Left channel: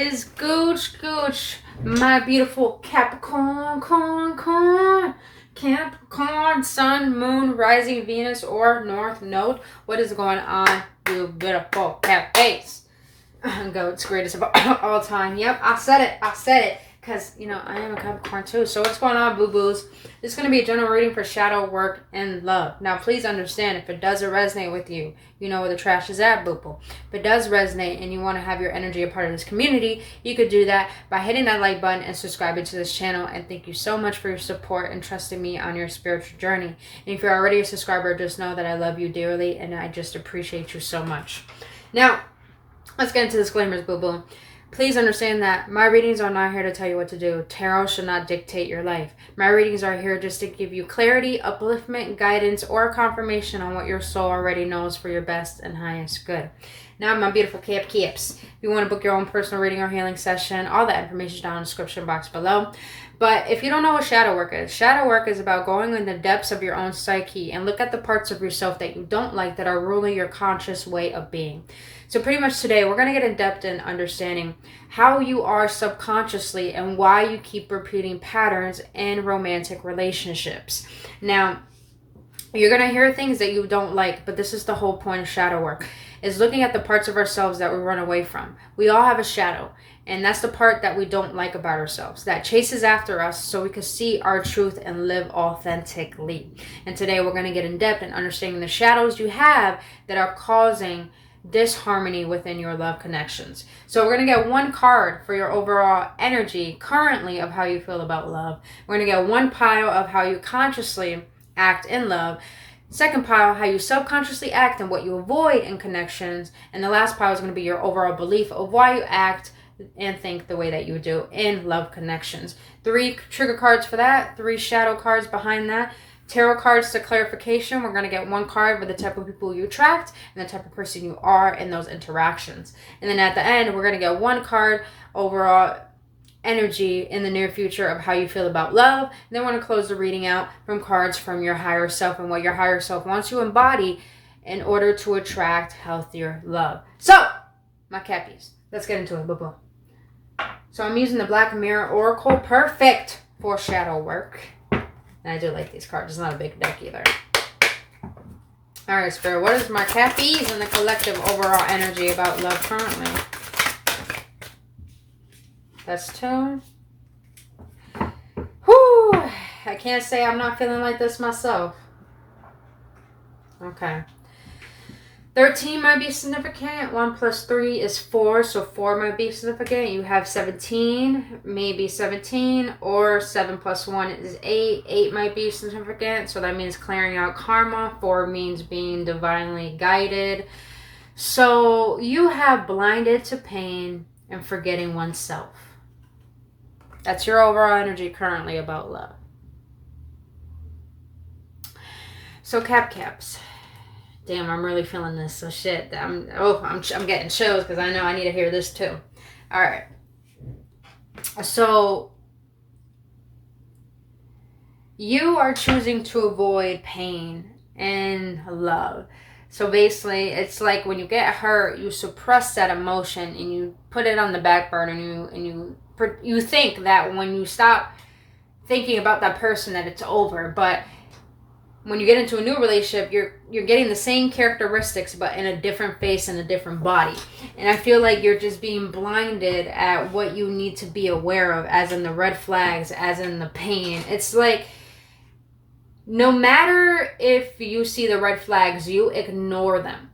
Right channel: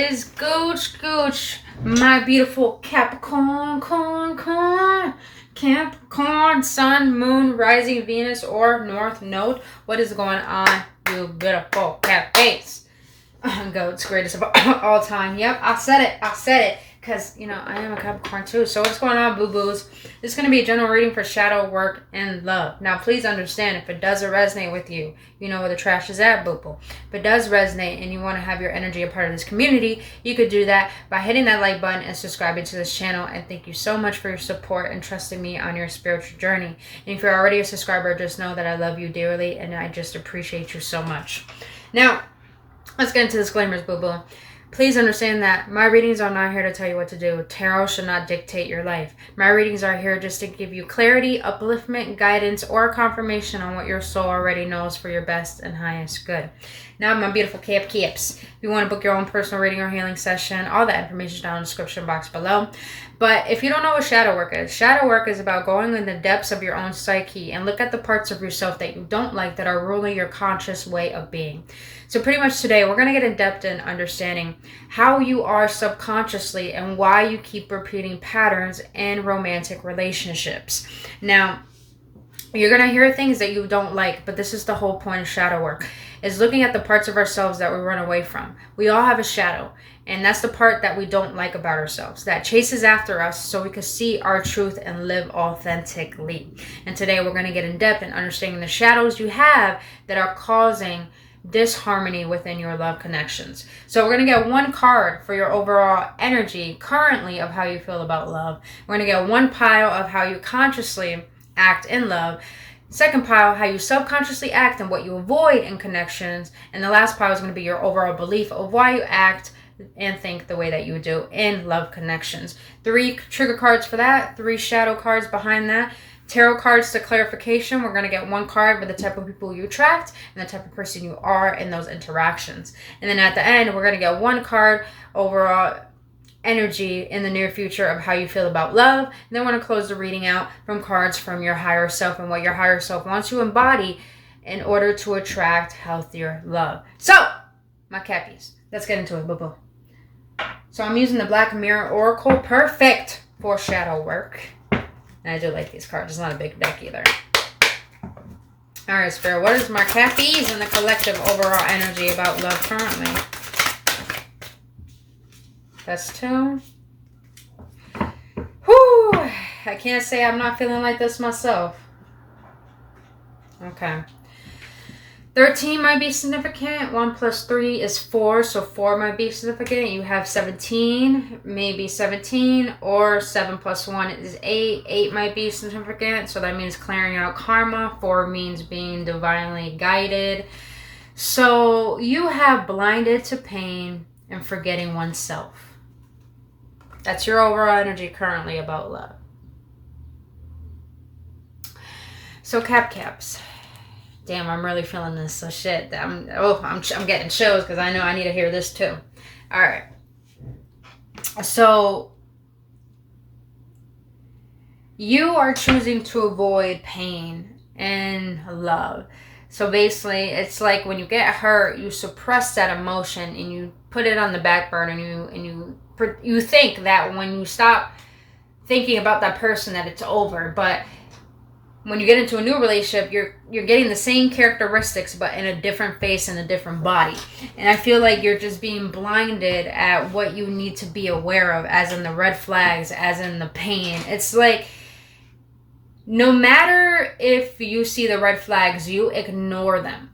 is gooch, my beautiful Capricorn, Capricorn, Sun, Moon, Rising, Venus, or North Node. What is going on, you beautiful cat face? Goats, greatest of all time. Yep, I said it. Because, you know, I am a Capricorn too. So what's going on, boo-boos? This is going to be a general reading for shadow work and love. Now, please understand, if it doesn't resonate with you, you know where the trash is at, boo-boo. If it does resonate and you want to have your energy a part of this community, you could do that by hitting that like button and subscribing to this channel. And thank you so much for your support and trusting me on your spiritual journey. And if you're already a subscriber, just know that I love you dearly and I just appreciate you so much. Now, let's get into disclaimers, boo-boo. Please understand that my readings are not here to tell you what to do. Tarot should not dictate your life. My readings are here just to give you clarity, upliftment, guidance, or confirmation on what your soul already knows for your best and highest good. Now, my beautiful Caps, if you want to book your own personal reading or healing session, all that information is down in the description box below. But if you don't know what shadow work is about going in the depths of your own psyche and look at the parts of yourself that you don't like that are ruling your conscious way of being. So pretty much today, we're going to get in depth in understanding how you are subconsciously and why you keep repeating patterns in romantic relationships. Now, you're going to hear things that you don't like, but this is the whole point of shadow work, is looking at the parts of ourselves that we run away from. We all have a shadow, and that's the part that we don't like about ourselves, that chases after us so we can see our truth and live authentically. And today, we're going to get in depth in understanding the shadows you have that are causing disharmony within your love connections. So we're going to get one card for your overall energy currently of how you feel about love. We're going to get one pile of how you consciously act in love. Second pile, how you subconsciously act and what you avoid in connections. And the last pile is going to be your overall belief of why you act and think the way that you do in love connections. 3 trigger cards for that, 3 shadow cards behind that. Tarot cards to clarification. We're going to get one card with the type of people you attract and the type of person you are in those interactions. And then at the end, we're going to get one card overall energy in the near future of how you feel about love. And then we're going to close the reading out from cards from your higher self and what your higher self wants you to embody in order to attract healthier love. So, my cappies, let's get into it, boo-boo. So I'm using the Black Mirror Oracle, perfect for shadow work. And I do like these cards. It's not a big deck either. Alright, Spirit. What is my cappies and the collective overall energy about love currently? That's 2. Whew. I can't say I'm not feeling like this myself. Okay. 13 might be significant. 1 plus 3 is 4, so 4 might be significant. You have 17, maybe 17, or 7 plus 1 is 8. 8 might be significant, so that means clearing out karma. 4 means being divinely guided. So you have blinded to pain and forgetting oneself. That's your overall energy currently about love. So Caps. Damn, I'm really feeling this. So shit, I'm getting chills because I know I need to hear this too. All right. So you are choosing to avoid pain and love. So basically, it's like when you get hurt, you suppress that emotion and you put it on the back burner, and you think that when you stop thinking about that person that it's over, but when you get into a new relationship, you're getting the same characteristics, but in a different face and a different body. And I feel like you're just being blinded at what you need to be aware of, as in the red flags, as in the pain. It's like, no matter if you see the red flags, you ignore them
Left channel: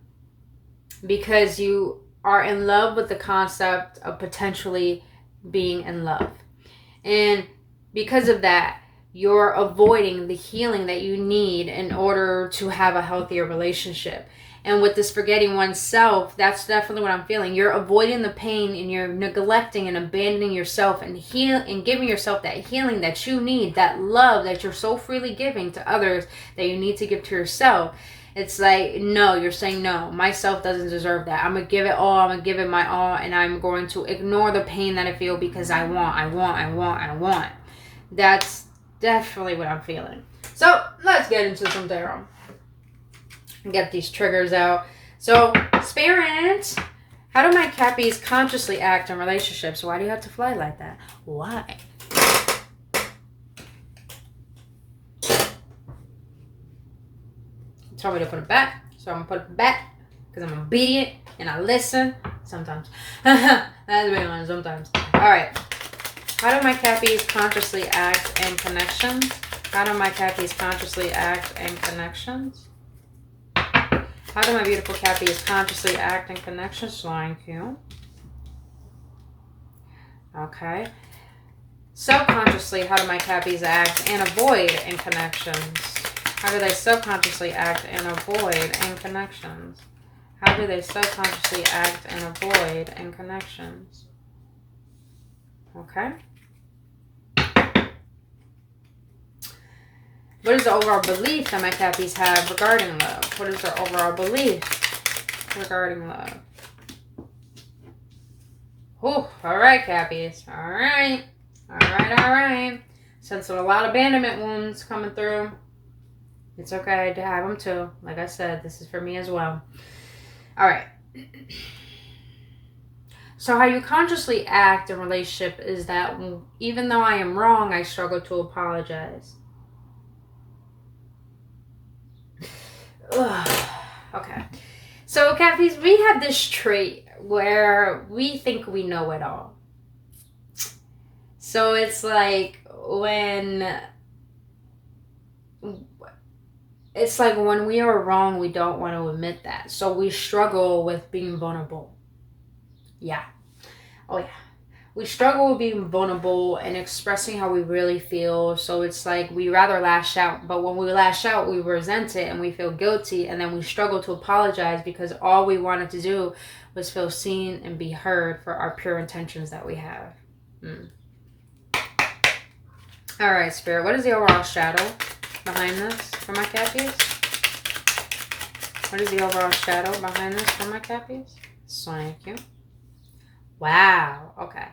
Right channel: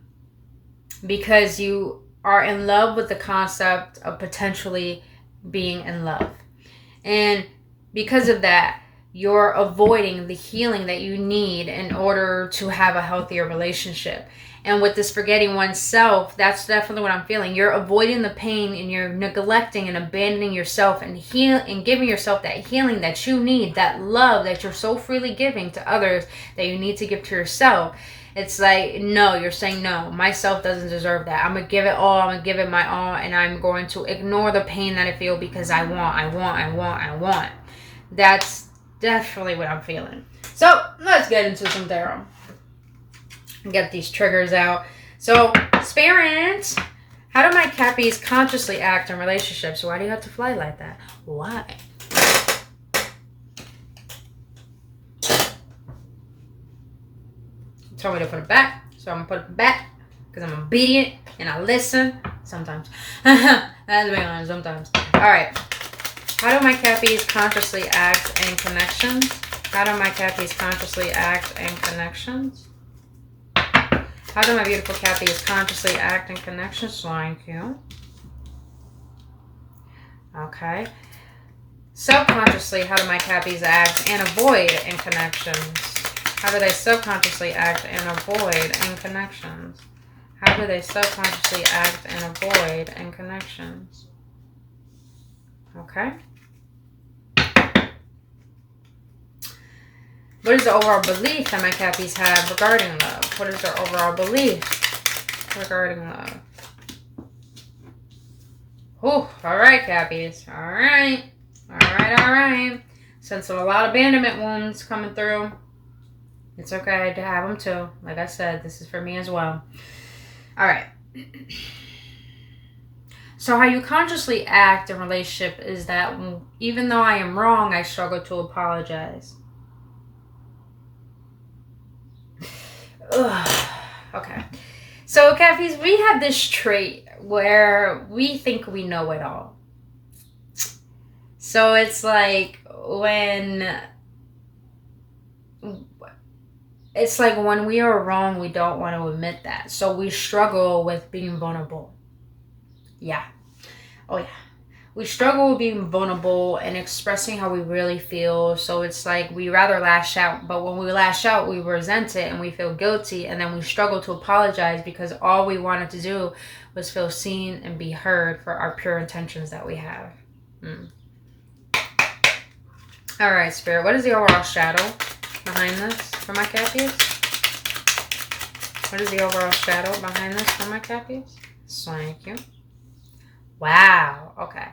because you are in love with the concept of potentially being in love. And because of that, you're avoiding the healing that you need in order to have a healthier relationship. And with this forgetting oneself, that's definitely what I'm feeling. You're avoiding the pain and you're neglecting and abandoning yourself and giving yourself that healing that you need, that love that you're so freely giving to others that you need to give to yourself. It's like, no, you're saying, no, myself doesn't deserve that. I'm going to give it all. I'm going to give it my all. And I'm going to ignore the pain that I feel because I want. That's definitely what I'm feeling. So let's get into some tarot. Get these triggers out. So, Spirit, How do my Cappies consciously act in relationships? Why do you have to fly like that? Why? Told me to put it back, so I'm gonna put it back because I'm obedient and I listen sometimes. That's being honest, sometimes. All right. How do my Cappies consciously act in connections? How do my Cappies consciously act in connections? How do my beautiful Cappies consciously act in connections? Thank you. Okay. Subconsciously, how do my Cappies act and avoid in connections? How do they subconsciously act and avoid in connections? How do they subconsciously act and avoid in connections? Okay. What is the overall belief that my Cappies have regarding love? What is their overall belief regarding love? Oh, all right, Cappies. All right. All right, all right. Since a lot of abandonment wounds coming through, it's okay to have them too. Like I said, this is for me as well. All right. So how you consciously act in relationship is that even though I am wrong, I struggle to apologize. Ugh. Okay. So, Cappies, we have this trait where we think we know it all. So it's like when we are wrong, we don't want to admit that. So we struggle with being vulnerable. Yeah. Oh, yeah. We struggle with being vulnerable and expressing how we really feel. So it's like we rather lash out. But when we lash out, we resent it and we feel guilty. And then we struggle to apologize because all we wanted to do was feel seen and be heard for our pure intentions that we have. All right, Spirit. What is the overall shadow behind this for my Cappies? What is the overall shadow behind this for my Cappies? Thank you. Wow. Okay.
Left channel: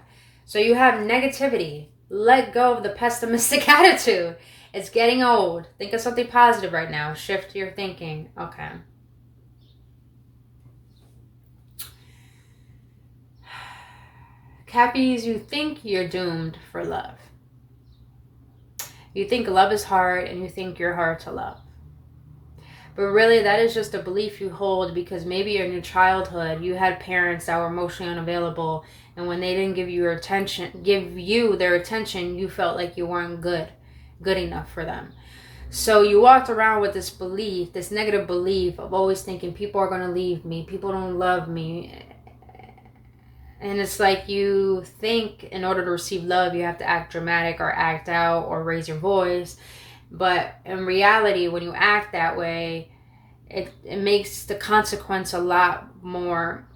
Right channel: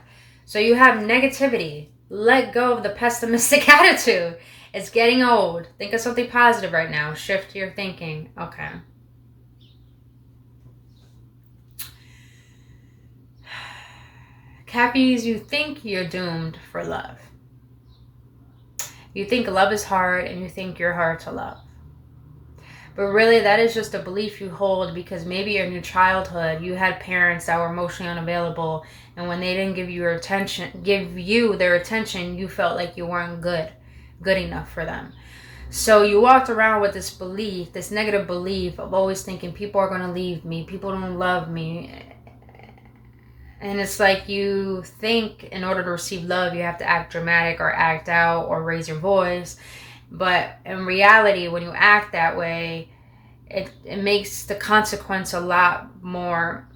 So you have negativity. Let go of the pessimistic attitude. It's getting old. Think of something positive right now. Shift your thinking. Okay. Cappies, you think you're doomed for love. You think love is hard and you think you're hard to love. But really, that is just a belief you hold because maybe in your childhood, you had parents that were emotionally unavailable. And when they didn't give you their attention, you felt like you weren't good enough for them. So you walked around with this belief, this negative belief of always thinking people are going to leave me, people don't love me. And it's like you think in order to receive love, you have to act dramatic or act out or raise your voice. But in reality, when you act that way, it makes the consequence a lot more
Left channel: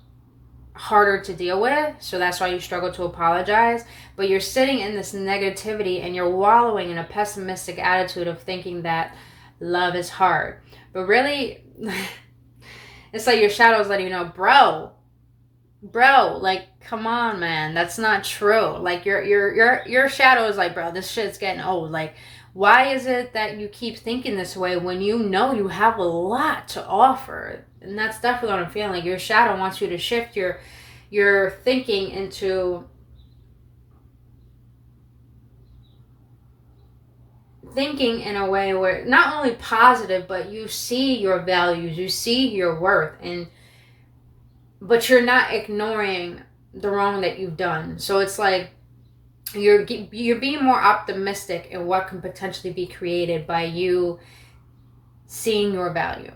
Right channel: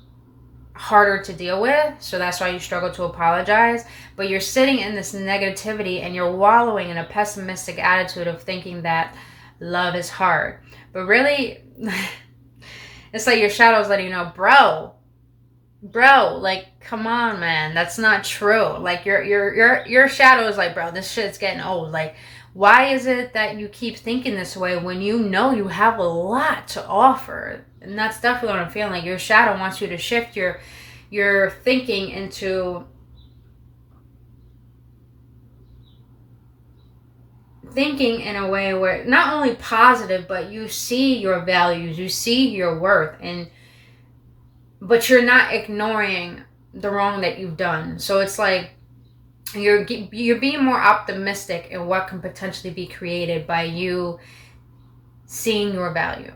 harder to deal with. So that's why you struggle to apologize. But you're sitting in this negativity and you're wallowing in a pessimistic attitude of thinking that love is hard. But really, it's like your shadow is letting you know, bro, like, come on, man, that's not true. Like your shadow is like, bro, this shit's getting old. Like, why is it that you keep thinking this way when you know you have a lot to offer? And that's definitely what I'm feeling. Like your shadow wants you to shift your thinking into thinking in a way where not only positive, but you see your values, you see your worth, but you're not ignoring the wrong that you've done. So it's like you're being more optimistic in what can potentially be created by you seeing your value.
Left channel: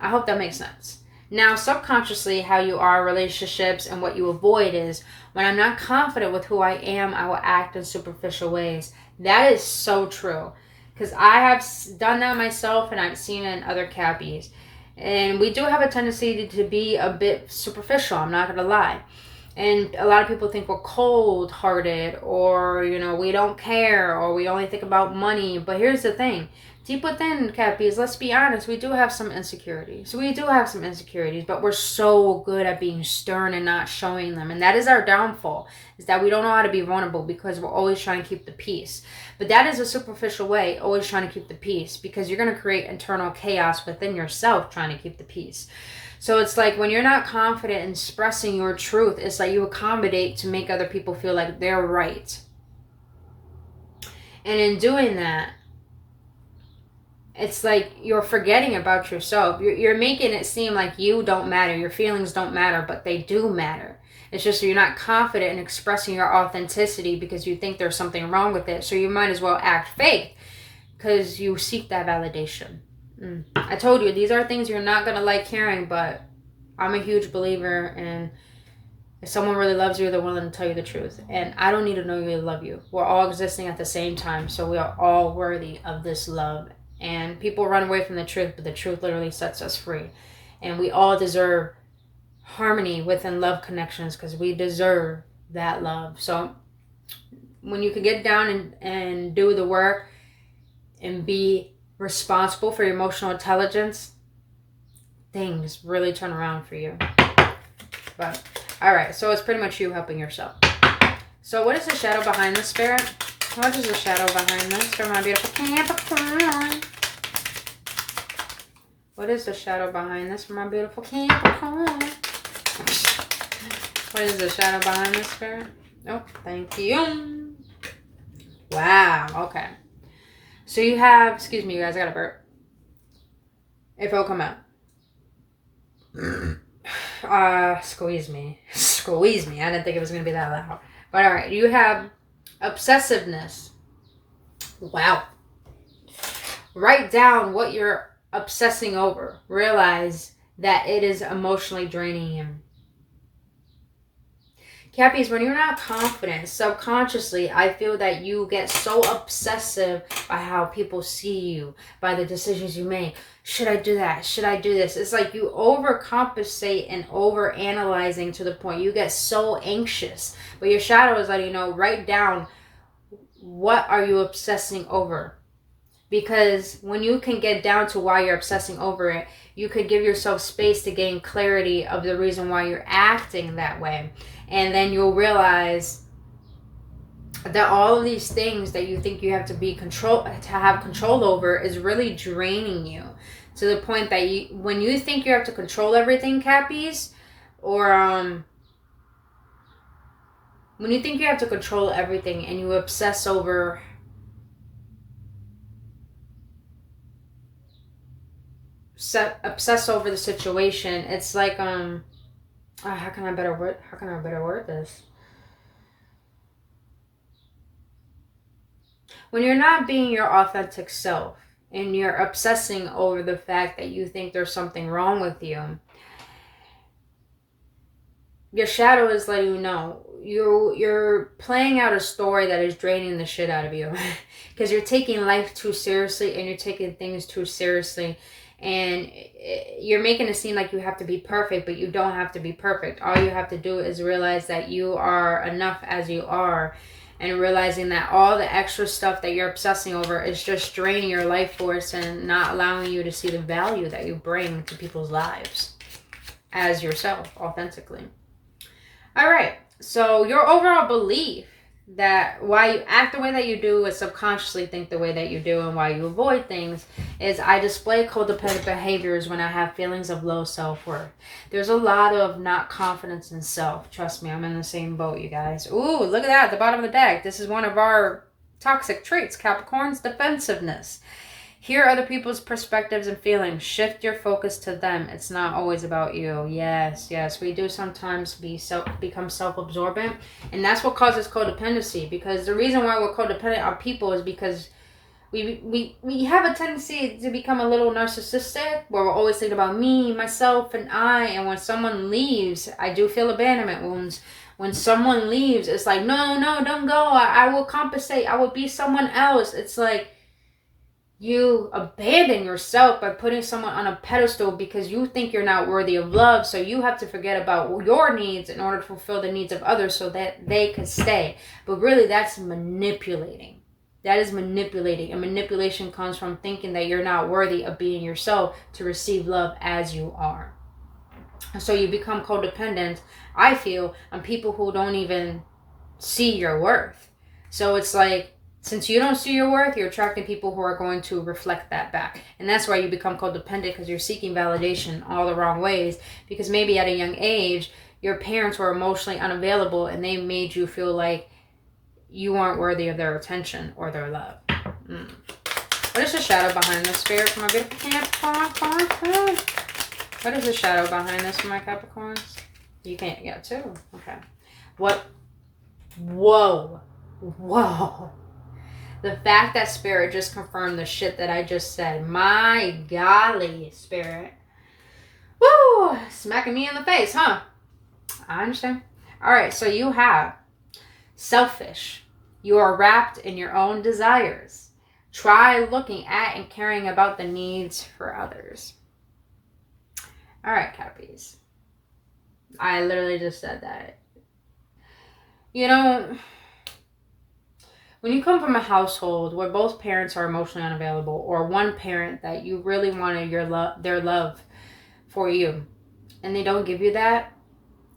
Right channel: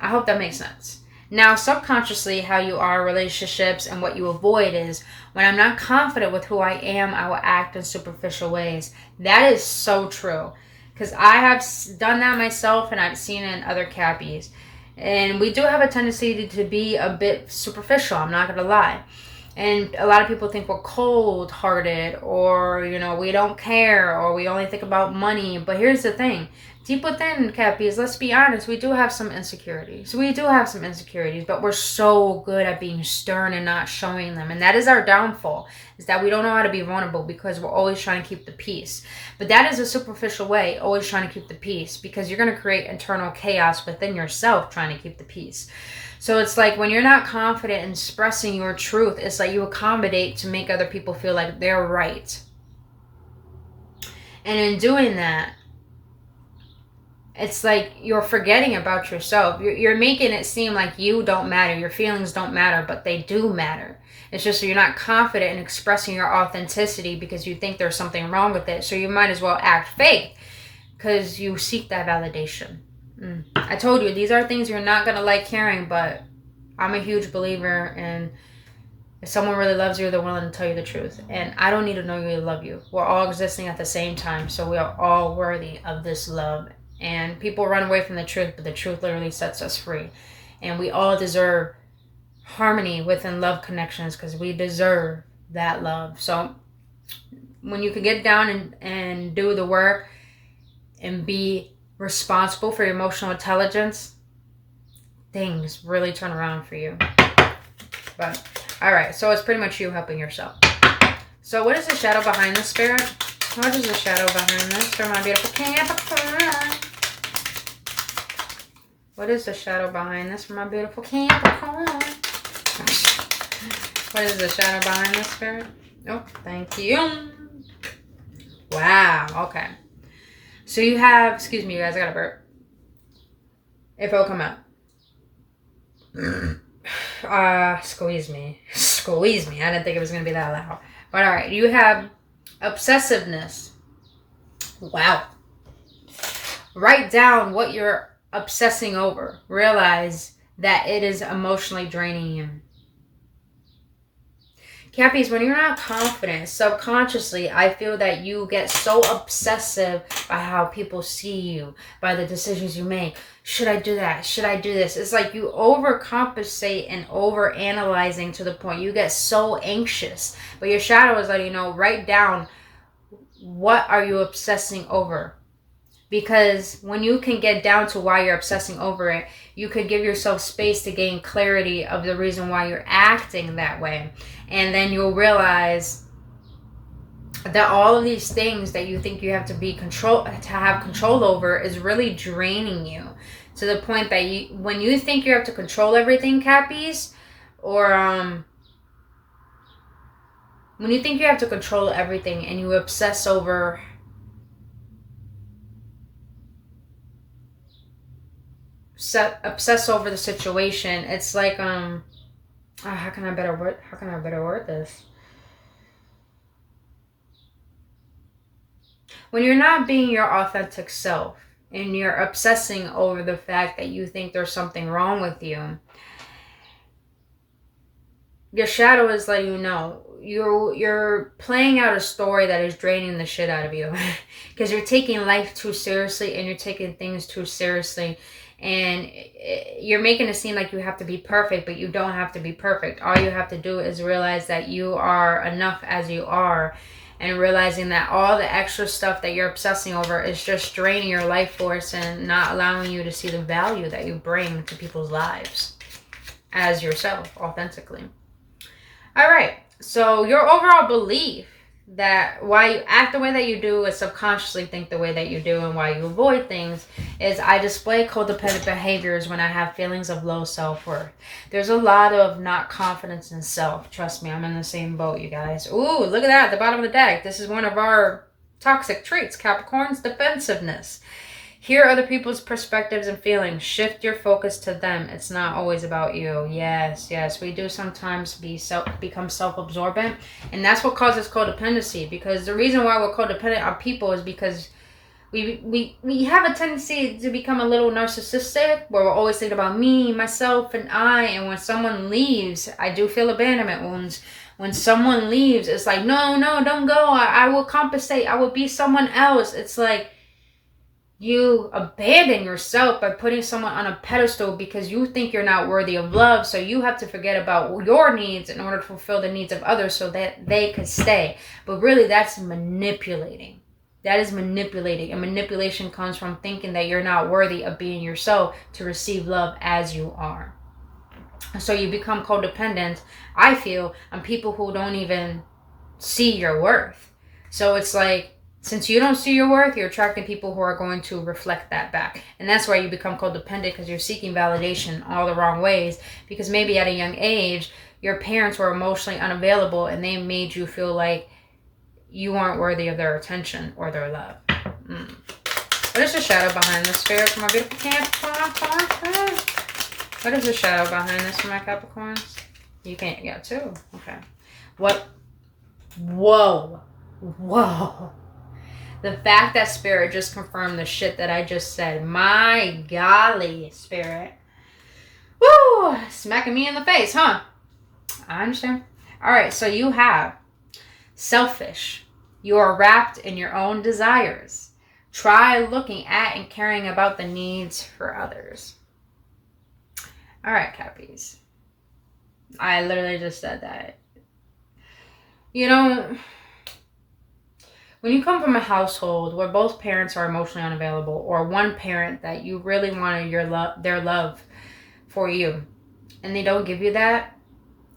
I hope that makes sense. Now, subconsciously, how you are in relationships and what you avoid is when I'm not confident with who I am, I will act in superficial ways. That is so true. Because I have done that myself and I've seen it in other Cappies. And we do have a tendency to be a bit superficial, I'm not going to lie. And a lot of people think we're cold-hearted or, we don't care or we only think about money. But here's the thing. Deep within, Cappies, let's be honest, we do have some insecurities. But we're so good at being stern and not showing them. And that is our downfall, is that we don't know how to be vulnerable because we're always trying to keep the peace. But that is a superficial way, always trying to keep the peace, because you're going to create internal chaos within yourself trying to keep the peace. So it's like when you're not confident in expressing your truth, it's like you accommodate to make other people feel like they're right. And in doing that, it's like you're forgetting about yourself. You're making it seem like you don't matter. Your feelings don't matter, but they do matter. It's just you're not confident in expressing your authenticity because you think there's something wrong with it. So you might as well act fake because you seek that validation. I told you, these are things you're not going to like hearing, but I'm a huge believer in if someone really loves you, they're willing to tell you the truth. And I don't need to know you to love you. We're all existing at the same time, so we are all worthy of this love. And people run away from the truth, but the truth literally sets us free. And we all deserve harmony within love connections because we deserve that love. So when you can get down and do the work and be responsible for your emotional intelligence, things really turn around for you. But all right, so it's pretty much you helping yourself. So what is the shadow behind this, Spirit? What is the shadow behind this for my beautiful Capricorn? What is the shadow behind this for my beautiful Capricorn? What is the shadow behind this, Spirit? Oh, thank you. Wow, okay. So you have, excuse me, you guys, I got a burp. If it'll come out. Squeeze me. Squeeze me. I didn't think it was going to be that loud. But all right, you have obsessiveness. Wow. Write down what you're obsessing over. Realize that it is emotionally draining you. Cappies, when you're not confident, subconsciously, I feel that you get so obsessive by how people see you, by the decisions you make. Should I do that? Should I do this? It's like you overcompensate and overanalyzing to the point you get so anxious. But your shadow is letting you know, write down what are you obsessing over. Because when you can get down to why you're obsessing over it, you could give yourself space to gain clarity of the reason why you're acting that way. And then you'll realize that all of these things that you think you have to have control over is really draining you to the point that when you think you have to control everything, Cappies, or when you think you have to control everything and you obsess over the situation, it's like how can I better word this? When you're not being your authentic self and you're obsessing over the fact that you think there's something wrong with you, your shadow is letting you know you're playing out a story that is draining the shit out of you because you're taking life too seriously and you're taking things too seriously. And you're making it seem like you have to be perfect, but you don't have to be perfect. All you have to do is realize that you are enough as you are, and realizing that all the extra stuff that you're obsessing over is just draining your life force and not allowing you to see the value that you bring to people's lives as yourself, authentically. All right, so your overall belief that why you act the way that you do is subconsciously think the way that you do, and why you avoid things is I display codependent behaviors when I have feelings of low self-worth. There's a lot of not confidence in self. Trust me, I'm in the same boat, you guys. Ooh, look at that at the bottom of the deck. This is one of our toxic traits, Capricorn's defensive-ness. Hear other people's perspectives and feelings. Shift your focus to them. It's not always about you. Yes, we do sometimes become self-absorbent. And that's what causes codependency. Because the reason why we're codependent on people is because we have a tendency to become a little narcissistic, where we're always thinking about me, myself, and I. And when someone leaves, I do feel abandonment wounds. When someone leaves, it's like, no, don't go. I will compensate. I will be someone else. It's like, you abandon yourself by putting someone on a pedestal because you think you're not worthy of love. So you have to forget about your needs in order to fulfill the needs of others so that they can stay. But really, that's manipulating. That is manipulating. And manipulation comes from thinking that you're not worthy of being yourself to receive love as you are. So you become codependent, I feel, on people who don't even see your worth. So it's like, Since you don't see your worth, you're attracting people who are going to reflect that back. And that's why you become codependent, because you're seeking validation all the wrong ways. Because maybe at a young age, your parents were emotionally unavailable and they made you feel like you aren't worthy of their attention or their love. What is the shadow behind this, Spirit, for my beautiful Capricorn? What is the shadow behind this for my Capricorns? You can't get two. Okay. What? Whoa. Whoa. The fact that Spirit just confirmed the shit that I just said. My golly, Spirit. Woo! Smacking me in the face, huh? I understand. Alright, so you have selfish. You are wrapped in your own desires. Try looking at and caring about the needs for others. Alright, Cappies. I literally just said that. You know, when you come from a household where both parents are emotionally unavailable, or one parent that you really wanted their love for you, and they don't give you that,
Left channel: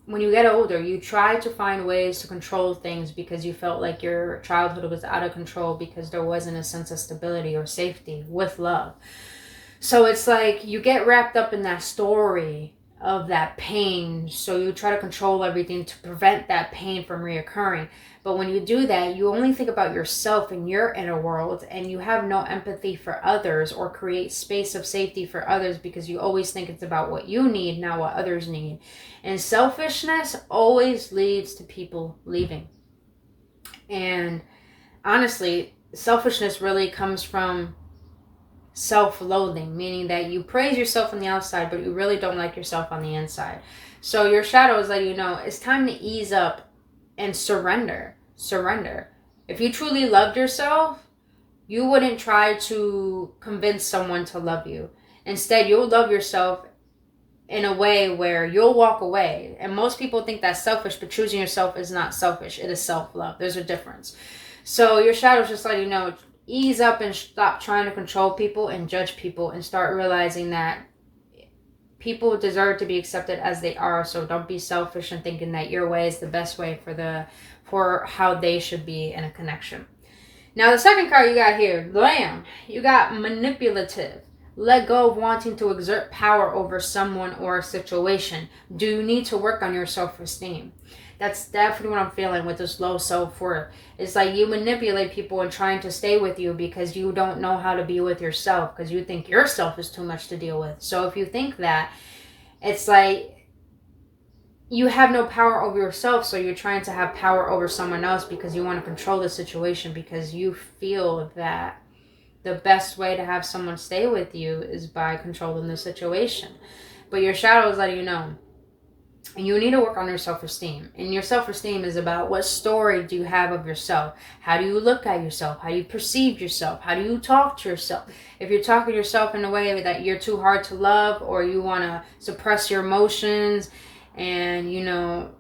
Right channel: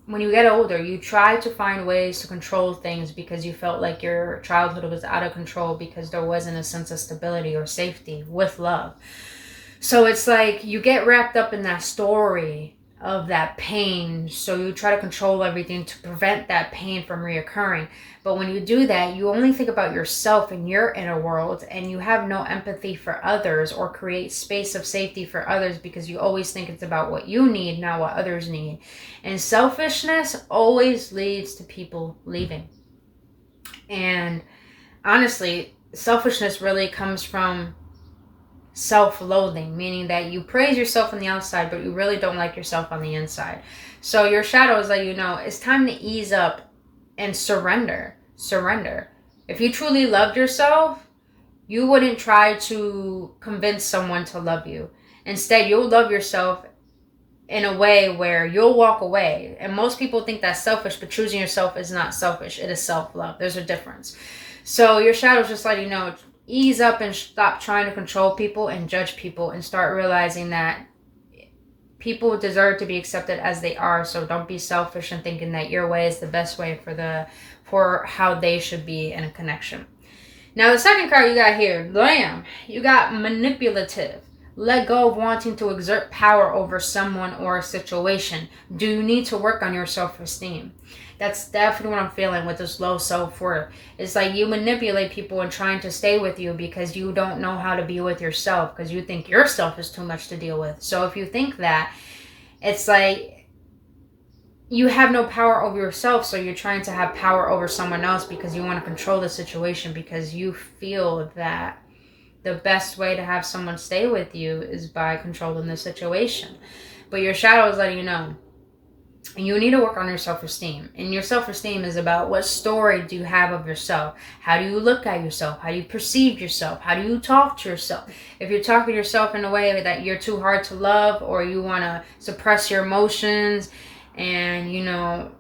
when you get older, you try to find ways to control things because you felt like your childhood was out of control because there wasn't a sense of stability or safety with love. So it's like you get wrapped up in that story of that pain, so you try to control everything to prevent that pain from reoccurring. But when you do that, you only think about yourself and your inner world, and you have no empathy for others or create space of safety for others, because you always think it's about what you need, not what others need. And selfishness always leads to people leaving. And honestly, selfishness really comes from self-loathing, meaning that you praise yourself on the outside, but you really don't like yourself on the inside. So your shadow is letting you know it's time to ease up and surrender. If you truly loved yourself, you wouldn't try to convince someone to love you. Instead, you'll love yourself in a way where you'll walk away. And most people think that's selfish, but choosing yourself is not selfish. It is self-love. There's a difference. So your shadow is just letting you know, ease up and stop trying to control people and judge people, and start realizing that people deserve to be accepted as they are. So don't be selfish and thinking that your way is the best way for how they should be in a connection. Now the second card you got here, Lamb, you got manipulative. Let go of wanting to exert power over someone or a situation. Do you need to work on your self-esteem? That's definitely what I'm feeling with this low self-worth. It's like you manipulate people and trying to stay with you because you don't know how to be with yourself, because you think yourself is too much to deal with. So if you think that, it's like you have no power over yourself, so you're trying to have power over someone else because you want to control the situation, because you feel that the best way to have someone stay with you is by controlling the situation. But your shadow is letting you know, and you need to work on your self-esteem. And your self-esteem is about, what story do you have of yourself? How do you look at yourself? How do you perceive yourself? How do you talk to yourself? If you're talking to yourself in a way that you're too hard to love, or you want to suppress your emotions, and you know,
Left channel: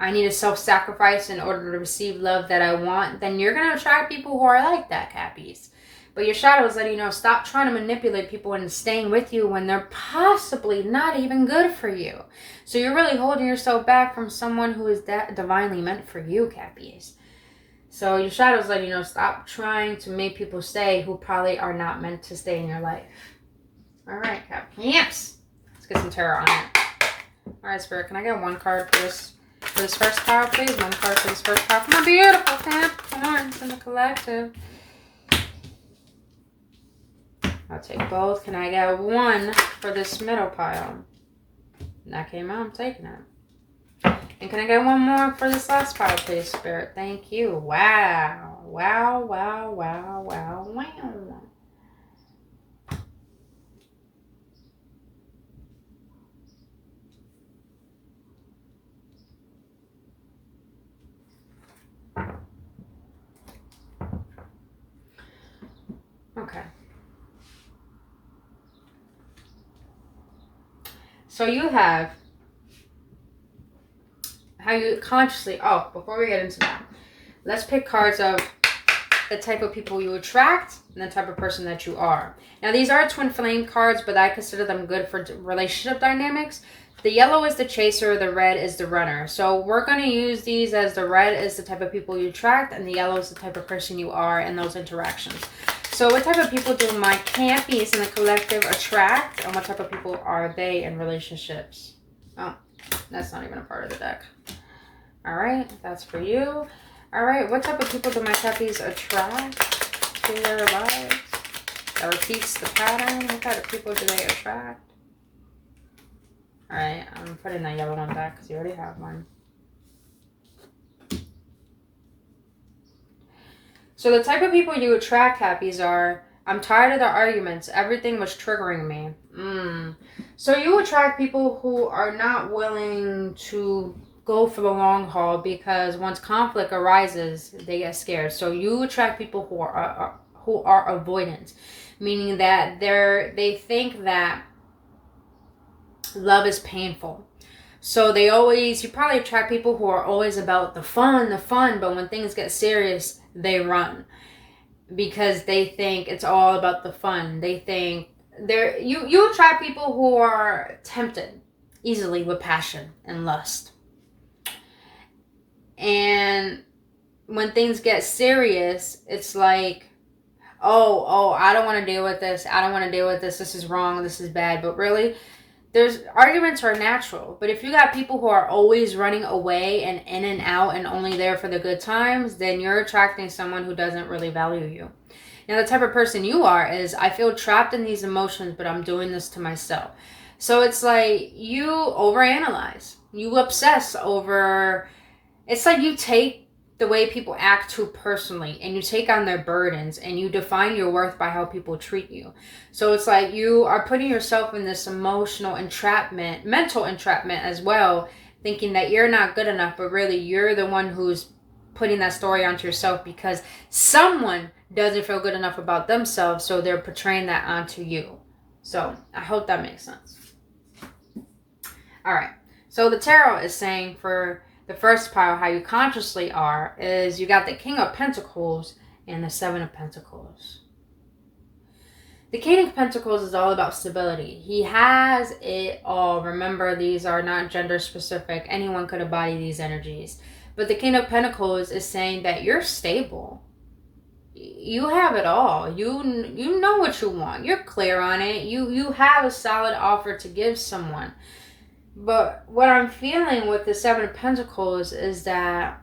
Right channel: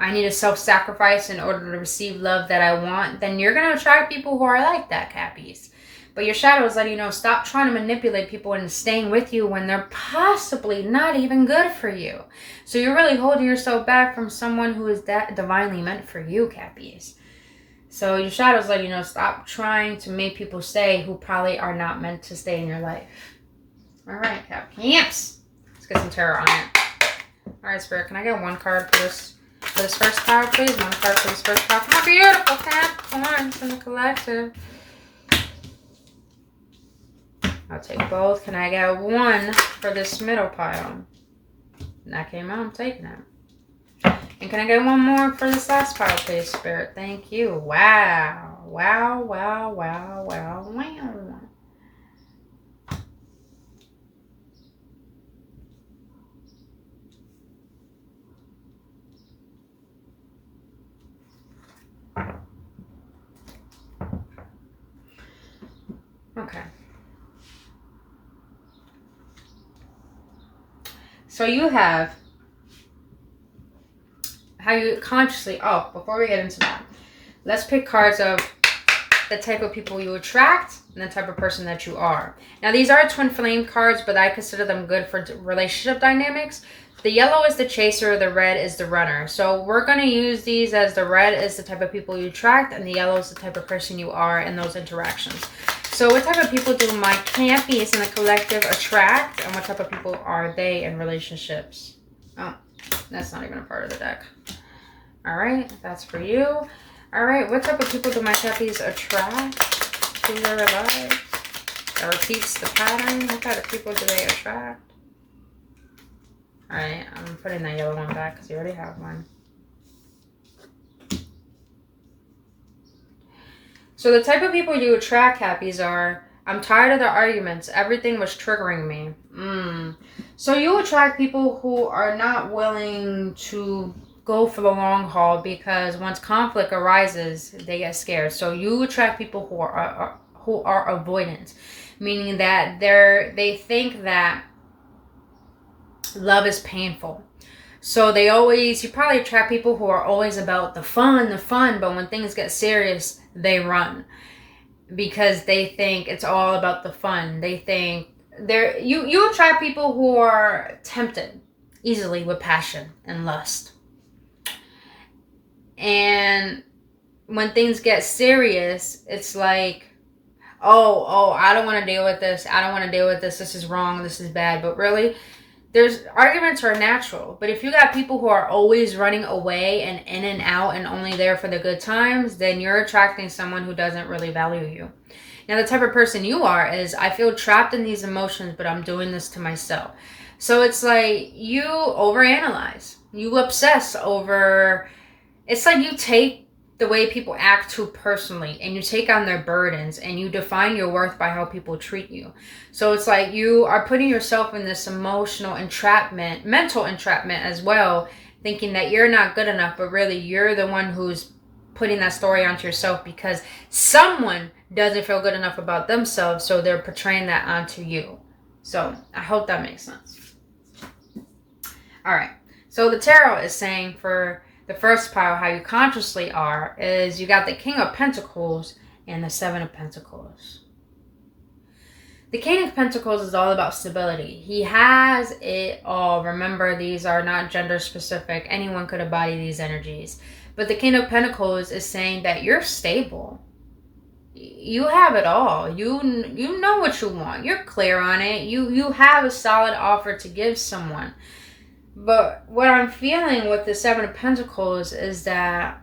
I need to self-sacrifice in order to receive love that I want, then you're going to attract people who are like that, Cappies. But your shadow is letting you know, stop trying to manipulate people into staying with you when they're possibly not even good for you. So you're really holding yourself back from someone who is that divinely meant for you, Cappies. So your shadow is letting you know, stop trying to make people stay who probably are not meant to stay in your life. All right, Cappies. Let's get some tarot on it. All right, Spirit, can I get one card for this first card, please? One card for this first card. My beautiful Capricorns in the collective. I'll take both. Can I get one for this middle pile? And that came out. I'm taking it. And can I get one more for this last pile, please, Spirit? Thank you. Wow. Wow, wow, wow, wow, wow. Okay. So you have how you consciously, before we get into that, let's pick cards of the type of people you attract and the type of person that you are. Now these are twin flame cards, but I consider them good for relationship dynamics. The yellow is the chaser, the red is the runner. So we're going to use these as the red is the type of people you attract and the yellow is the type of person you are in those interactions. So what type of people do my campies in the collective attract, and what type of people are they in relationships? Oh, that's not even a part of the deck. All right, that's for you. All right, what type of people do my campies attract to their lives? That repeats the pattern. What type of people do they attract? All right, I'm putting that yellow one back because you already have one. So the type of people you attract, Cappies, are, I'm tired of the arguments. Everything was triggering me. So you attract people who are not willing to go for the long haul because once conflict arises, they get scared. So you attract people who are avoidant, meaning that they think that love is painful. So you probably attract people who are always about the fun, but when things get serious, they run because they think it's all about the fun. They think you attract people who are tempted easily with passion and lust. And when things get serious, it's like, oh, I don't want to deal with this. I don't want to deal with this. This is wrong. This is bad. But really, arguments are natural, but if you got people who are always running away and in and out and only there for the good times, then you're attracting someone who doesn't really value you. Now, the type of person you are is, I feel trapped in these emotions, but I'm doing this to myself. So it's like you overanalyze, you obsess over, it's like you take the way people act too personally and you take on their burdens and you define your worth by how people treat you. So it's like you are putting yourself in this emotional entrapment, mental entrapment as well, thinking that you're not good enough, but really you're the one who's putting that story onto yourself because someone doesn't feel good enough about themselves, so they're portraying that onto you. So I hope that makes sense. All right, so the tarot is saying for the first pile, how you consciously are, is you got the King of Pentacles and the Seven of Pentacles. The King of Pentacles is all about stability. He has it all. Remember, these are not gender specific. Anyone could embody these energies. But the King of Pentacles is saying that you're stable. You have it all. You know what you want. You're clear on it. You have a solid offer to give someone. But what I'm feeling with the Seven of Pentacles is that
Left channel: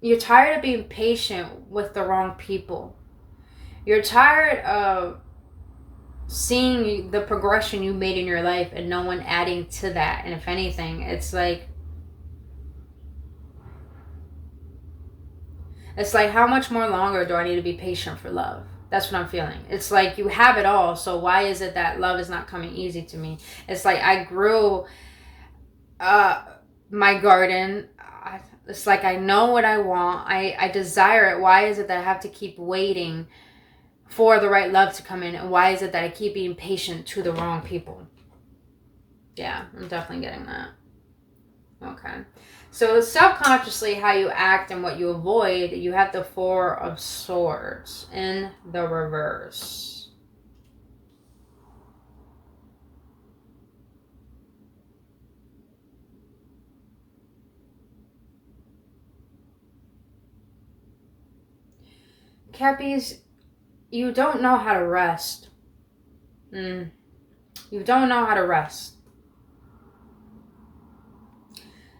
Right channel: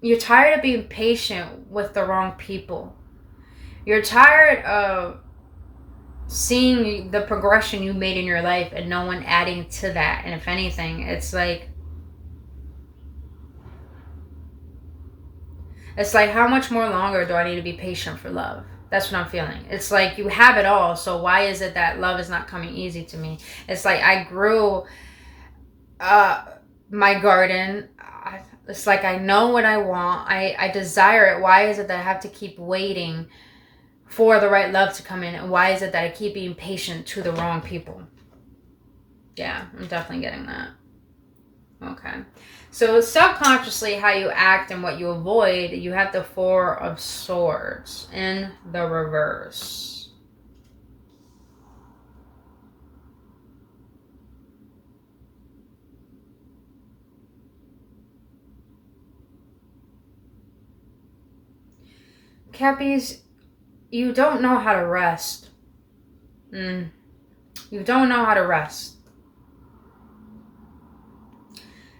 you're tired of being patient with the wrong people. You're tired of seeing the progression you made in your life and no one adding to that. And if anything, it's like how much more longer do I need to be patient for love? That's what I'm feeling. It's like you have it all, so why is it that love is not coming easy to me? It's like I grew my garden. It's like I know what I want. I desire it. Why is it that I have to keep waiting for the right love to come in? And why is it that I keep being patient to the wrong people? Yeah, I'm definitely getting that. Okay. So subconsciously, how you act and what you avoid, you have the Four of Swords in the reverse. Cappies, you don't know how to rest. You don't know how to rest.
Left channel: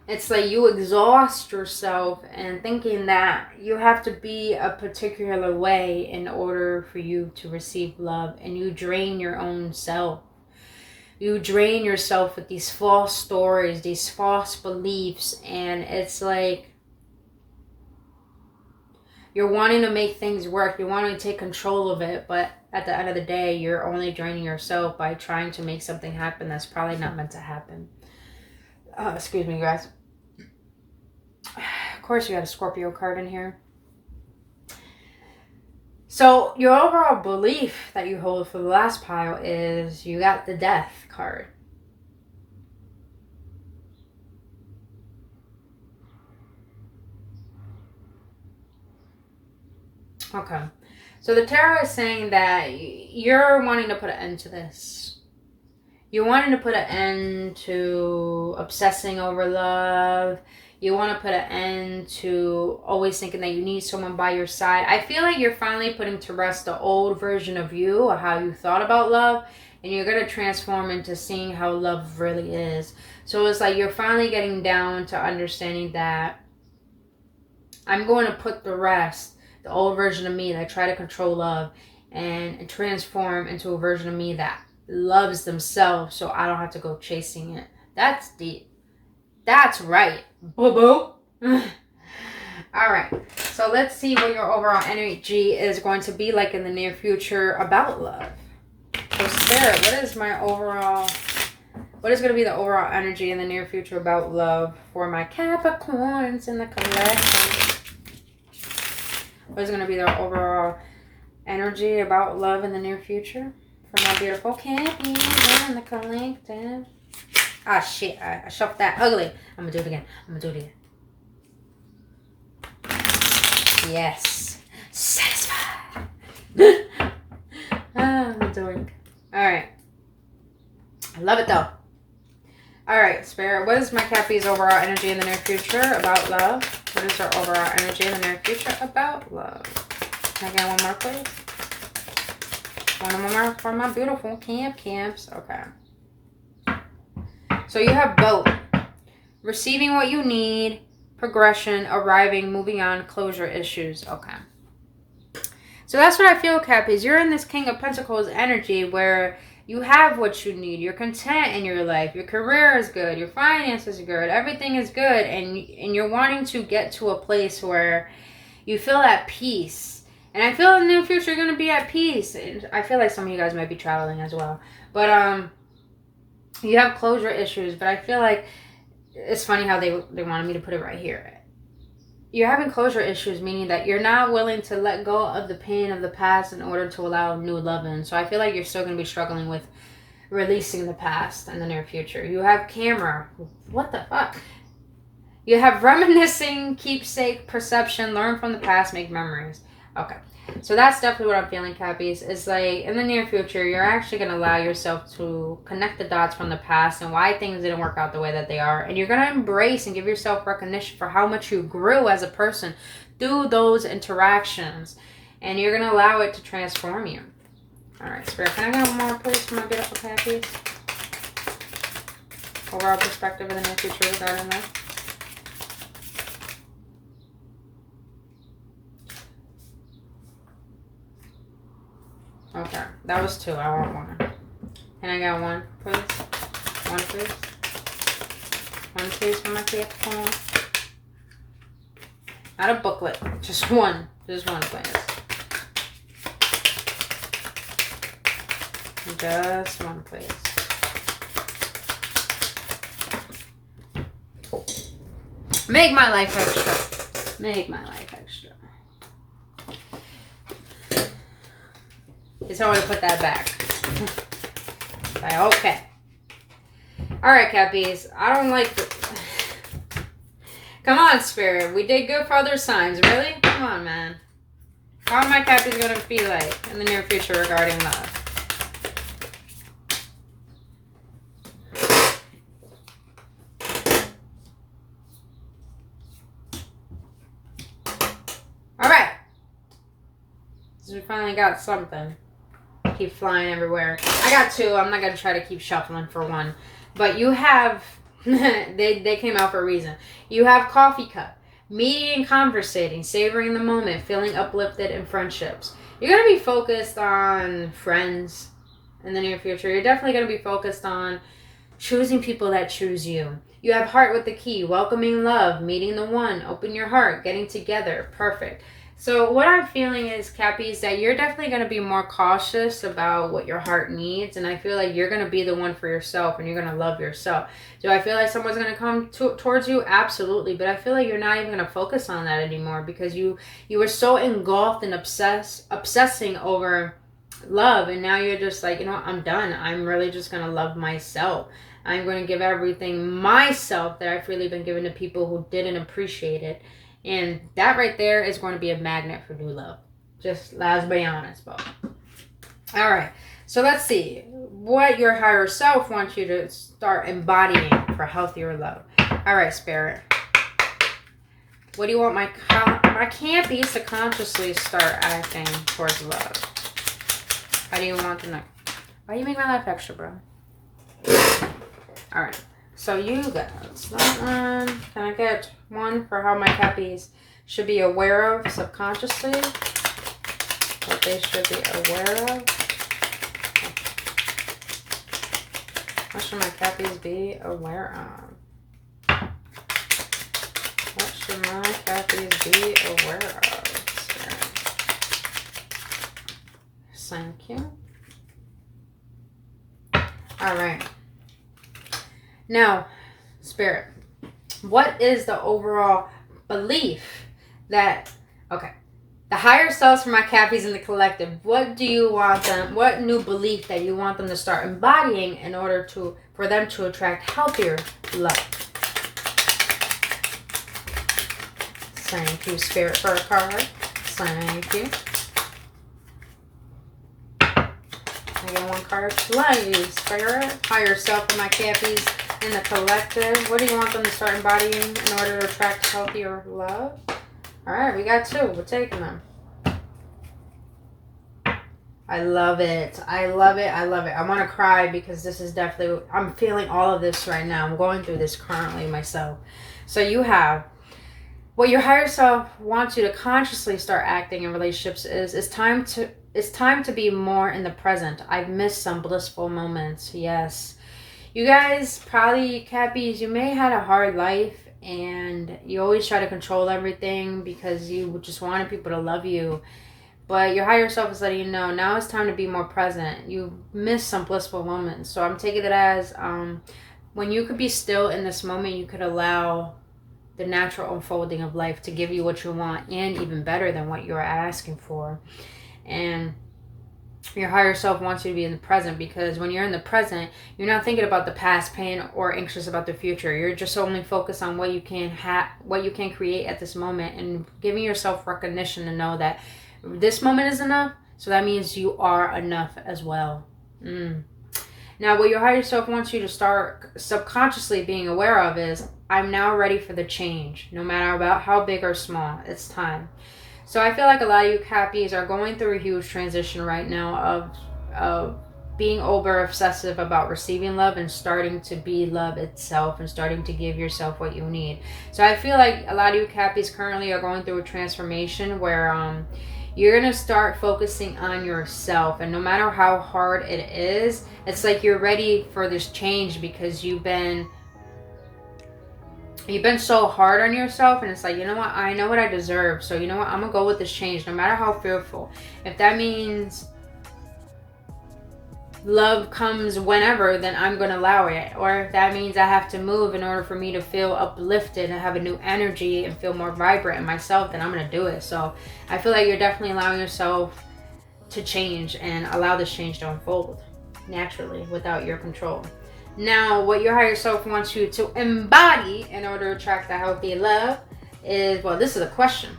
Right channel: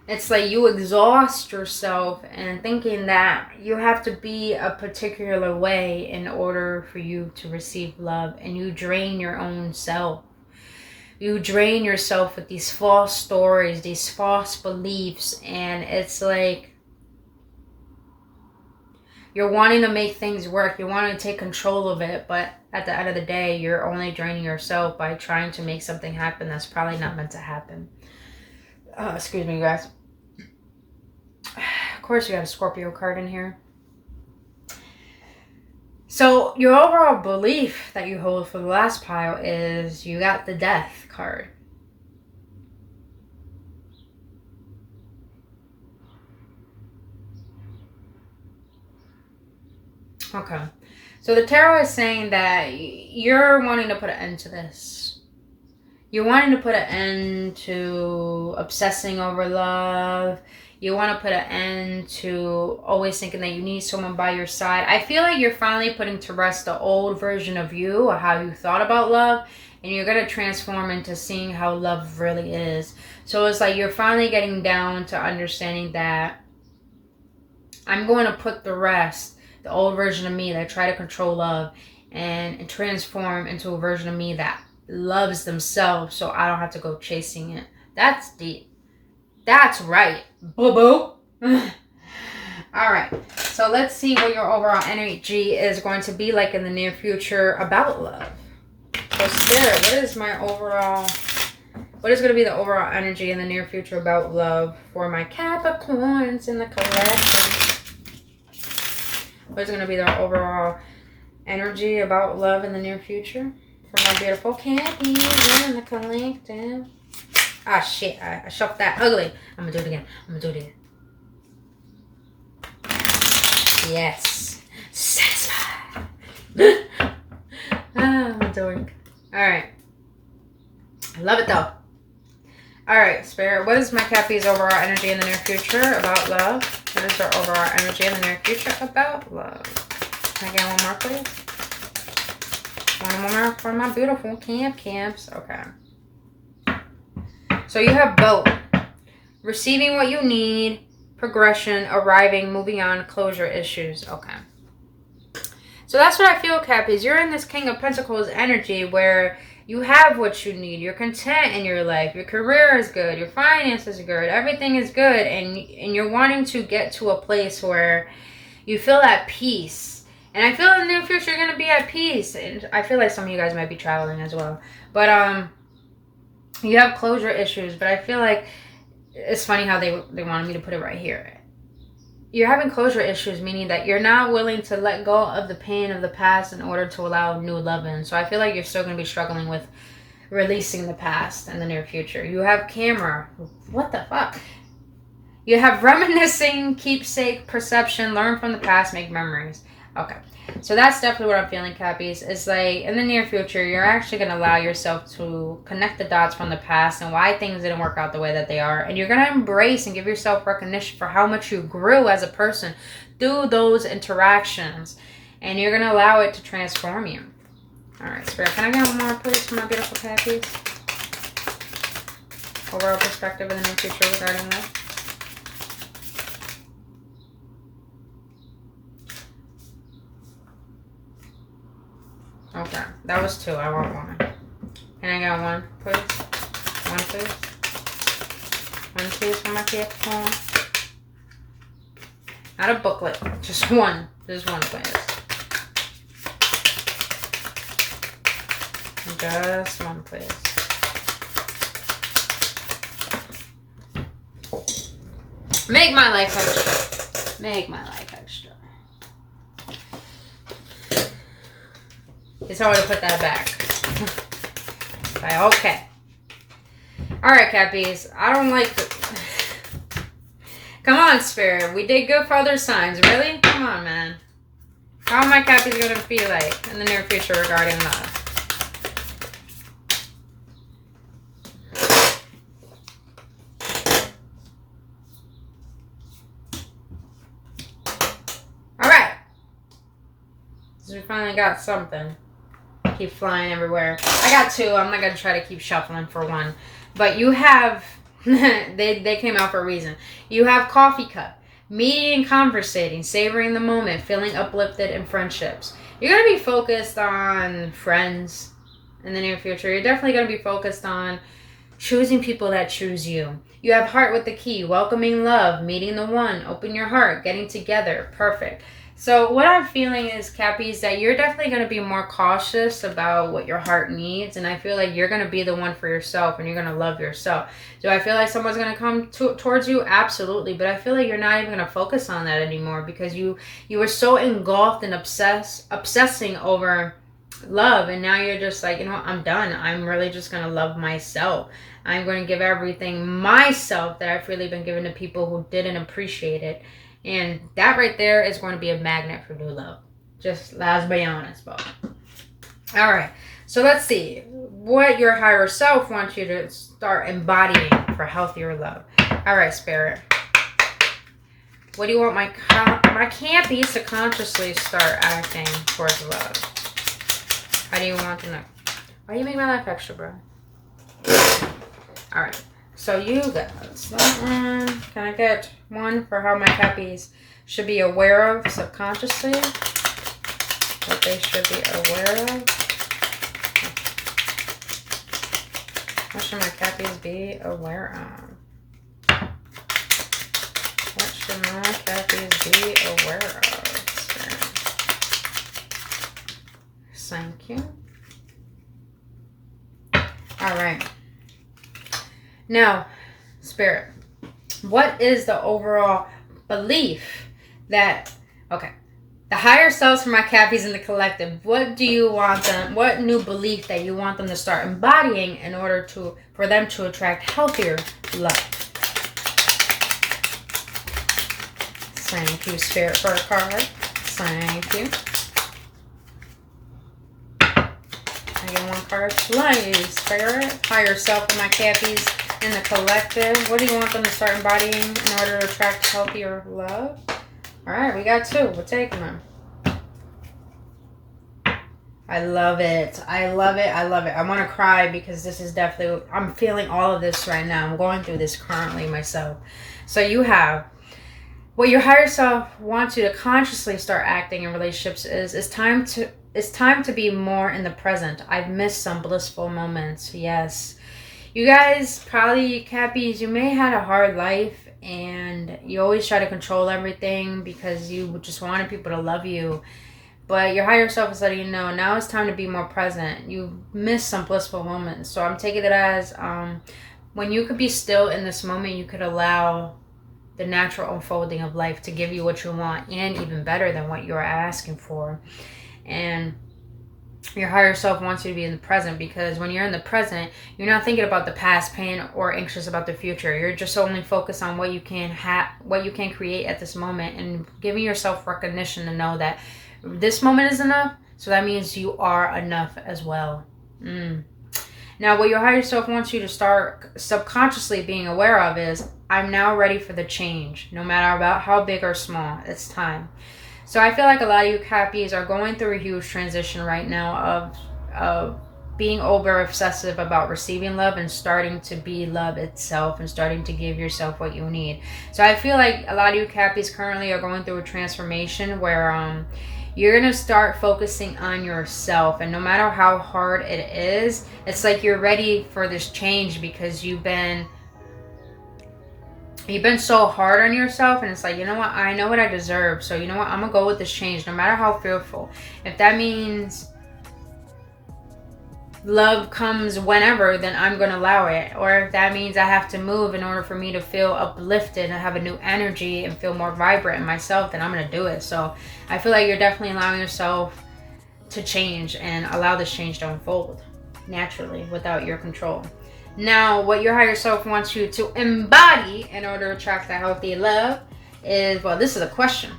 It's like you exhaust yourself and thinking that you have to be a particular way in order for you to receive love, and you drain your own self. You drain yourself with these false stories, these false beliefs, and it's like you're wanting to make things work. You're wanting to take control of it, but at the end of the day, you're only draining yourself by trying to make something happen that's probably not meant to happen. Excuse me, guys. Of course, you got a Scorpio card in here. So your overall belief that you hold for the last pile is you got the Death card. Okay. So the tarot is saying that you're wanting to put an end to this. You're wanting to put an end to obsessing over love. You want to put an end to always thinking that you need someone by your side. I feel like you're finally putting to rest the old version of you or how you thought about love. And you're going to transform into seeing how love really is. So it's like you're finally getting down to understanding that I'm going to put the rest, the old version of me that try to control love, and transform into a version of me that loves themselves so I don't have to go chasing it. That's deep. That's right. Boo-boo. All right. So let's see what your overall energy is going to be like in the near future about love. So Spirit, what is my overall... What is going to be the overall energy in the near future about love for my Capricorns in the collection? What is going to be the overall energy about love in the near future for my beautiful Cappies in the collective? Ah, shit. I shuffled that ugly. I'm going to do it again. I'm going to do it again. Yes. Satisfied. I'm a dork. All right. I love it though. All right, Spirit, what is my Cappy's overall energy in the near future about love? What is their overall energy in the near future about love? Can I get one more, please? One more for my beautiful camps. Okay. So you have both. Receiving what you need, progression, arriving, moving on, closure issues. Okay. So that's what I feel, Cappies. You're in this King of Pentacles energy where you have what you need. You're content in your life. Your career is good. Your finances are good. Everything is good. And you're wanting to get to a place where you feel at peace. And I feel in the near future you're going to be at peace. And I feel like some of you guys might be traveling as well. But you have closure issues. But I feel like it's funny how they wanted me to put it right here. You're having closure issues, meaning that you're not willing to let go of the pain of the past in order to allow new love in. So I feel like you're still going to be struggling with releasing the past in the near future. You have camera. What the fuck? You have reminiscing, keepsake, perception, learn from the past, make memories. Okay. So that's definitely what I'm feeling, Cappies. It's like in the near future, you're actually going to allow yourself to connect the dots from the past and why things didn't work out the way that they are. And you're going to embrace and give yourself recognition for how much you grew as a person through those interactions. And you're going to allow it to transform you. All right, Spirit, can I get one more, please, for my beautiful Cappies? Overall perspective in the near future regarding that. Okay, that was 2. I want 1. Can I get 1, please? 1, please. 1, please, for my Capricorn. Not a booklet. Just 1. Just 1, please. Just 1, please. Make my life extra. Make my life extra. Just want to put that back. Okay. Alright, Cappies. I don't like it. Come on, Spirit. We did good for other signs. Really? Come on, man. How are my Cappies going to be like in the near future regarding love? Alright. So we finally got something. Keep flying everywhere. I got 2. I'm not gonna try to keep shuffling for 1. But you have they came out for a reason. You have coffee cup, meeting and conversating, savoring the moment, feeling uplifted in friendships. You're gonna be focused on friends in the near future. You're definitely gonna be focused on choosing people that choose you. You have heart with the key, welcoming love, meeting the one, open your heart, getting together. Perfect. So what I'm feeling is, Cappies, that you're definitely going to be more cautious about what your heart needs. And I feel like you're going to be the one for yourself and you're going to love yourself. Do I feel like someone's going to come towards you? Absolutely. But I feel like you're not even going to focus on that anymore because you were so engulfed and obsessing over love. And now you're just like, you know what? I'm done. I'm really just going to love myself. I'm going to give everything myself that I've really been giving to people who didn't appreciate it. And that right there is going to be a magnet for new love. Just let's be honest, Bob. All right. So let's see. what your higher self wants you to start embodying for healthier love. All right, Spirit. What do you want my campies to consciously start acting towards love? How do you want them to... Why do you make my life extra, bro? All right. So you got that one. Can I get one for how my cappies should be aware of subconsciously? What they should be aware of? What should my cappies be aware of? What should my cappies be aware of? Thank you. All right. Now, Spirit, what is the overall belief that, okay, the higher selves for my cappies in the collective, what do you want them, what new belief that you want them to start embodying in order for them to attract healthier love? Thank you, Spirit, for a card. Thank you. I get one card, please, Spirit. Higher self for my cappies in the collective. What do you want them to start embodying in order to attract healthier love? All right, we got two. We're taking them. I love it. I love it. I love it. I want to cry because this is definitely... I'm feeling all of this right now. I'm going through this currently myself. So you have... What your higher self wants you to consciously start acting in relationships is it's time to be more in the present. I've missed some blissful moments. Yes. You guys, probably, cappies, you may have had a hard life and you always try to control everything because you just wanted people to love you. But your higher self is letting you know now it's time to be more present. You missed some blissful moments. So I'm taking it as when you could be still in this moment, you could allow the natural unfolding of life to give you what you want and even better than what you're asking for. And your higher self wants you to be in the present because when you're in the present, you're not thinking about the past pain or anxious about the future. You're just only focused on what you can what you can create at this moment and giving yourself recognition to know that this moment is enough. So that means you are enough as well. Now, what your higher self wants you to start subconsciously being aware of is, I'm now ready for the change, no matter about how big or small. It's time. So I feel like a lot of you cappies are going through a huge transition right now of being over obsessive about receiving love and starting to be love itself and starting to give yourself what you need. So I feel like a lot of you cappies currently are going through a transformation where you're going to start focusing on yourself. And no matter how hard it is, it's like you're ready for this change because you've been so hard on yourself, and it's like, you know what, I know what I deserve, so you know what, I'm gonna go with this change no matter how fearful. If that means love comes whenever, then I'm gonna allow it. Or if that means I have to move in order for me to feel uplifted and have a new energy and feel more vibrant in myself, then I'm gonna do it. So I feel like you're definitely allowing yourself to change and allow this change to unfold naturally without your control. Now, what your higher self wants you to embody in order to attract the healthy love is, well, this is a question.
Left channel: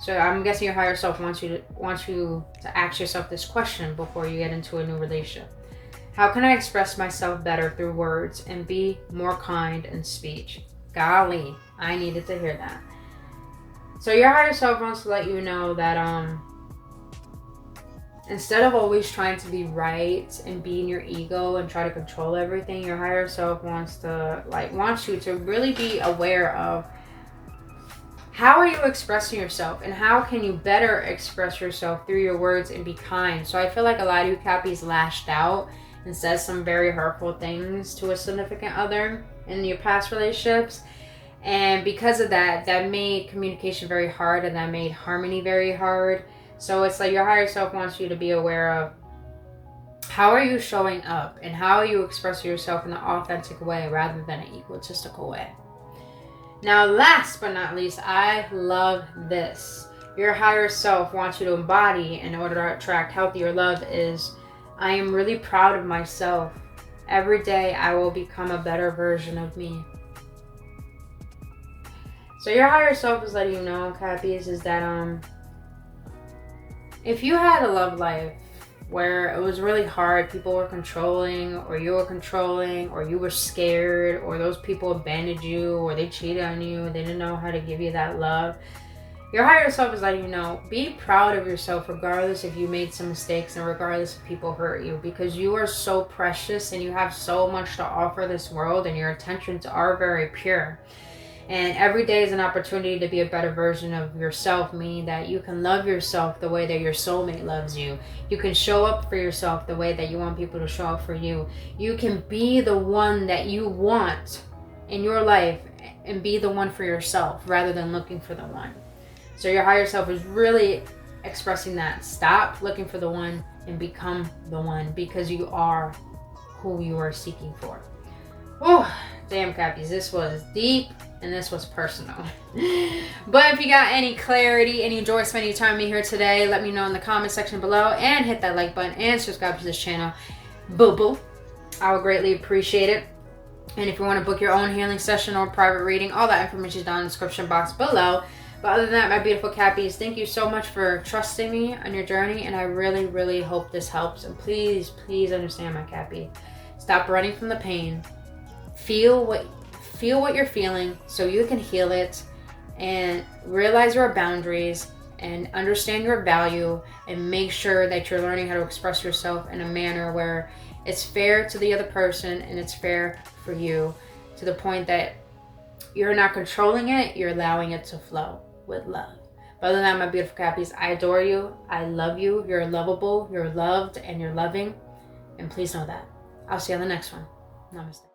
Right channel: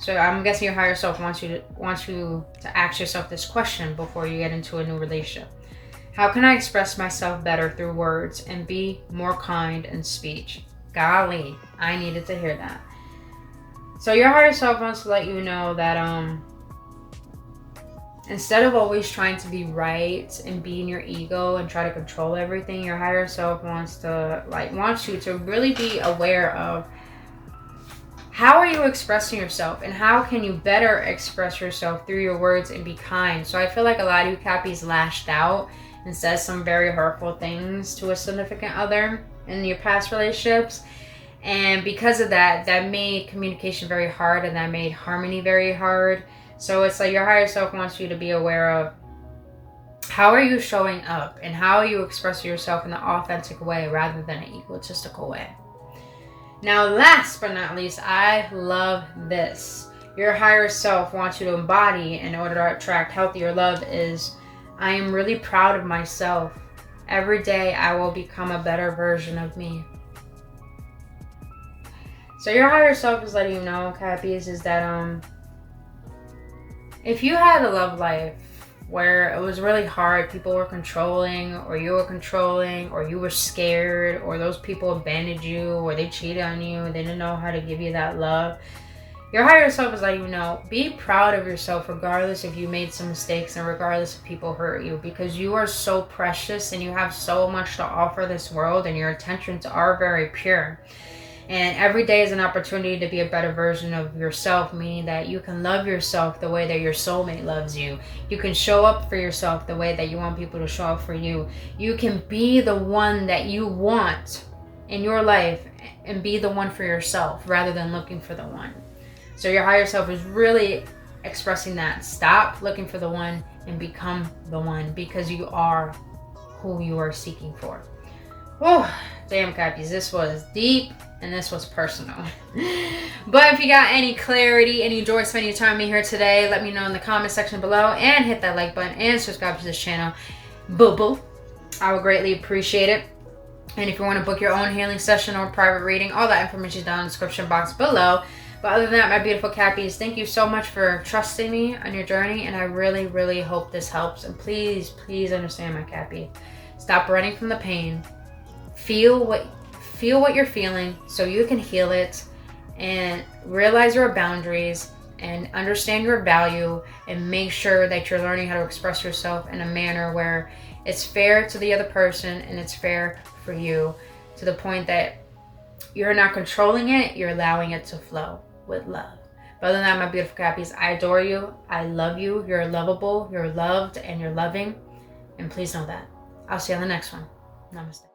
So I'm guessing your higher self wants you to ask yourself this question before you get into a new relationship. How can I express myself better through words and be more kind in speech? Golly, I needed to hear that. So your higher self wants to let you know that instead of always trying to be right and be in your ego and try to control everything, your higher self wants you to really be aware of how are you expressing yourself and how can you better express yourself through your words and be kind. So I feel like a lot of you cappies lashed out and said some very hurtful things to a significant other in your past relationships. And because of that, that made communication very hard and that made harmony very hard. So it's like your higher self wants you to be aware of how are you showing up and how are you expressing yourself in an authentic way rather than an egotistical way. Now, last but not least, I love this. Your higher self wants you to embody in order to attract healthier love is, I am really proud of myself. Every day I will become a better version of me. So your higher self is letting you know, cappies, is that if you had a love life where it was really hard. People were controlling, or you were controlling, or you were scared, or those people abandoned you, or they cheated on you, they didn't know how to give you that love. Your higher self is letting you know, be proud of yourself regardless if you made some mistakes and regardless if people hurt you, because you are so precious and you have so much to offer this world, and your intentions are very pure. And every day is an opportunity to be a better version of yourself, meaning that you can love yourself the way that your soulmate loves you. You can show up for yourself the way that you want people to show up for you. You can be the one that you want in your life and be the one for yourself rather than looking for the one. So your higher self is really expressing that. Stop looking for the one and become the one, because you are who you are seeking for. Oh, damn, Cappies, this was deep and this was personal. But if you got any clarity and you enjoyed spending your time with me here today, let me know in the comment section below, and hit that like button and subscribe to this channel. Boo-boo. I would greatly appreciate it. And if you want to book your own healing session or private reading, all that information is down in the description box below. But other than that, my beautiful Cappies, thank you so much for trusting me on your journey, and I really, really hope this helps. And please, please understand, my Cappy. Stop running from the pain. Feel what you're feeling so you can heal it, and realize your boundaries and understand your value, and make sure that you're learning how to express yourself in a manner where it's fair to the other person and it's fair for you, to the point that you're not controlling it, you're allowing it to flow with love. But other than that, my beautiful Cappies, I adore you. I love you. You're lovable. You're loved and you're loving. And please know that. I'll see you on the next one. Namaste.